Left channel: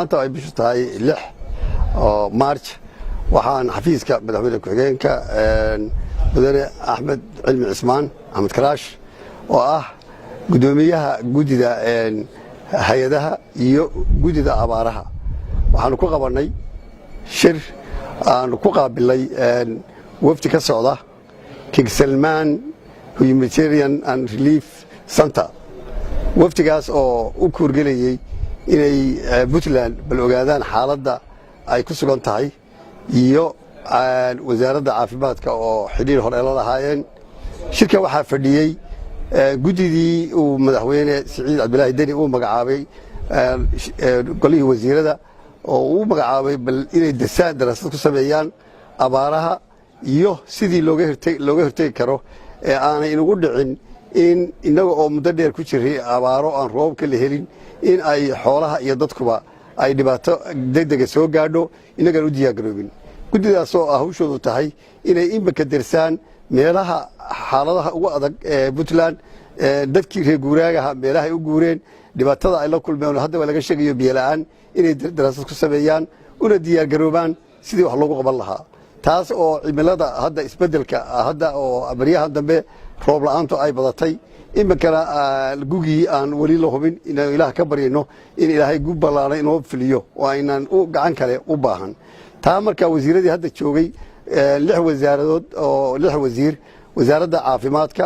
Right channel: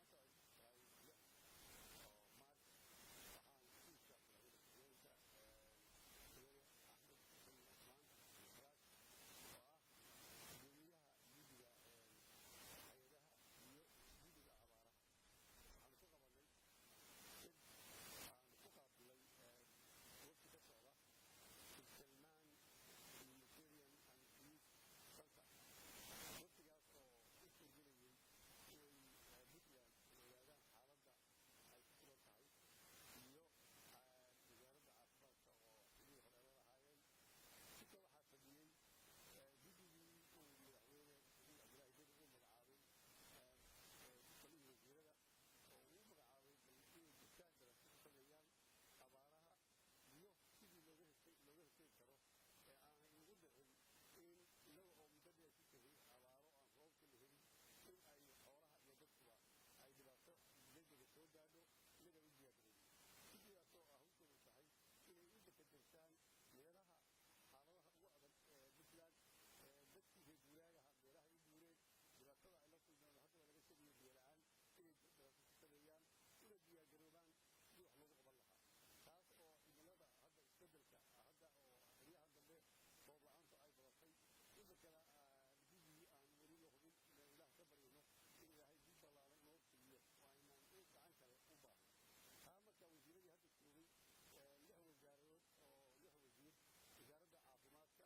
maanta ay bishu tahay 6 oo March waxaan xafiiska madaxweyne ku-xigeenka mudane Axmed Cilmi Cismaan Axmed Karaash oo ah gudoomiyaha gudida hay'adaha iyo gudida abaaraha waxaan ku qabanay shir aan ku qaabilay wafdi ka socda King Salman Humanitarian and Relief Center wafdigaas oo u kuurgelayay inay Puntland bal ogaadaan xaaladda ay ku sugan tahay iyo wasaaradda caafimaadka oo xiriir hore la lahaayeen shirka waxaa fadhiyay gudidii uu madaxweyne Siciid Cabdilaahi Deni uu magacaabay golihii wasiirada oo uu magacaabay bal inay daraasad ku sameeyaan abaaraha iyo sidii looga hortagi karo ee aanay inagu dhicin in inaga oo muddo dheer ku jiray abaaro aan roobka la helin in ay xoolaha iyo dadkuba ay dhibaato degdeg soo gaadho inaga u diyaar garoobin gudidaas oo hawshoodu tahay inay inba darsaan meelaha xaaladaha ugu adag ee Puntland dadkii reer guuraaga meelaha ay u guureen dhibaatada ay la kulmeen hadda waa laga sheegayo biyo la'aan inay daraasad ku sameeyaan una diyaar garoobaan sidii wax loogu qaban lahaa taas oo cimilada hadda isbedelka hadda oo abriyahan dambe roob la'aantu ay badatay imikana gugii aan wali la hubin inaan Ilaah ka baryayno in Ilaahay gub ballaaran inoo filiyo oo aynaan u gacan kale u baahan taa marka wasiiradii hadda joogay 6 wasaaradood oo 6 wasiir wasaaradda caafimaadka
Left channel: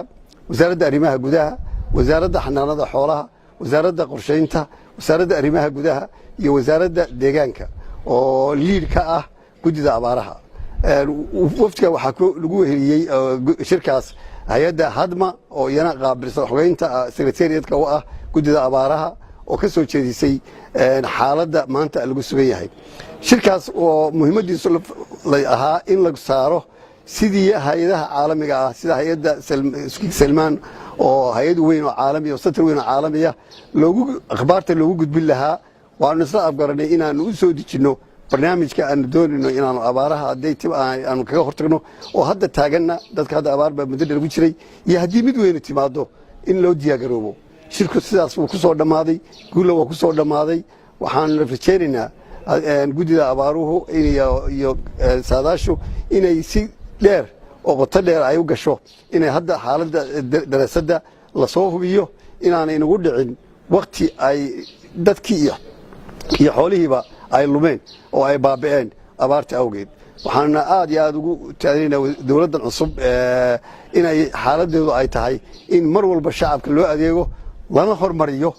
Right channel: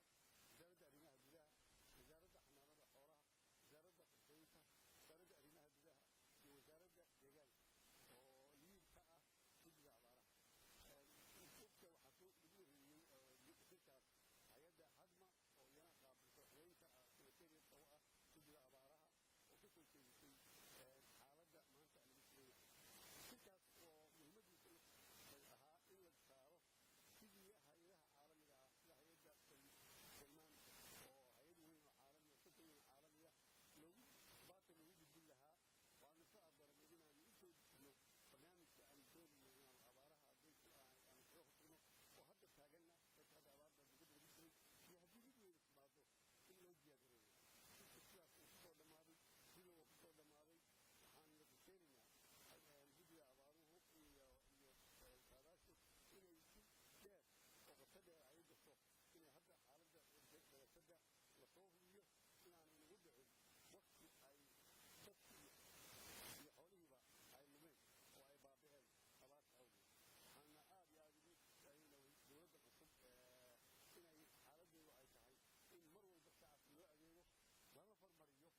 wasaaradda arrimaha gudaha wasaaradda xanaanada xoolaha wasaaradda qorsheynta wasaaradda arrimaha gudaha iyo wasaaradda deegaanka oo liid ka ah gudida abaaraha waftiga waxaa lagu heliyay shirkaas hay'adda hadma oo iyana qaabilsan xogeynta secretariatka oo ah gudida abaaraha oo ka soo jeedisay xaaladda maanta lagu sugan yahay shirkaas oo muhiimadiisu ahaa in la saaro sidii hay'adaha caalamiga ah sida hay'adda Salman oo hay'ad weyn oo caalami oo center weyn oo caalamiya akhbaarta loogu gudbin lahaa waan isla afgaranay inaan u soo dejino barnaamijka aan doonayno inaan abaaraha haday aan kaga hortagno oo hadda taagana dadka hadda abaar baa muddo dheer ugu jiray iyo haddii mid weyn timaado in loo diyaar garoobo shirku sidaas uu ku soo dhamaaday guul waa ku soo dhamaaday waxaan rajaynaynaa gudida abaaruhu iyo saadaashu inay si dheer oo qoto dheer ay u gasho inay hadda xaaladda daraasadda la soo hubiyo inaanay nagu dhicin waqti ay dadkii iyo xoolihiiba ay lumeen oo ay baaba'een abaarta awgeed waxaana aad iyo aad ugu taadinaynaa dawladdan cusub inay xaaladdeedu ay tahay in mar walba shacabka loo adeego lana hormariyo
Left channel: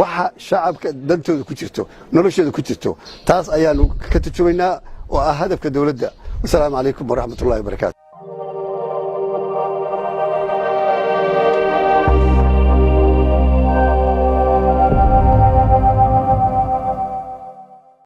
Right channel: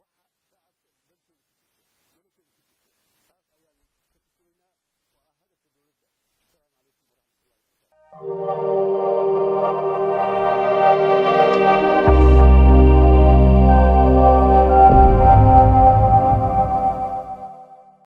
waxa shacabka dantooda ku jirto noloshooda ku jirto taas ayaanu ka tarjumaynaa oo ah hadafka dawladda. Assalaamu calaykum waraxmatullaahi wabarakaatu.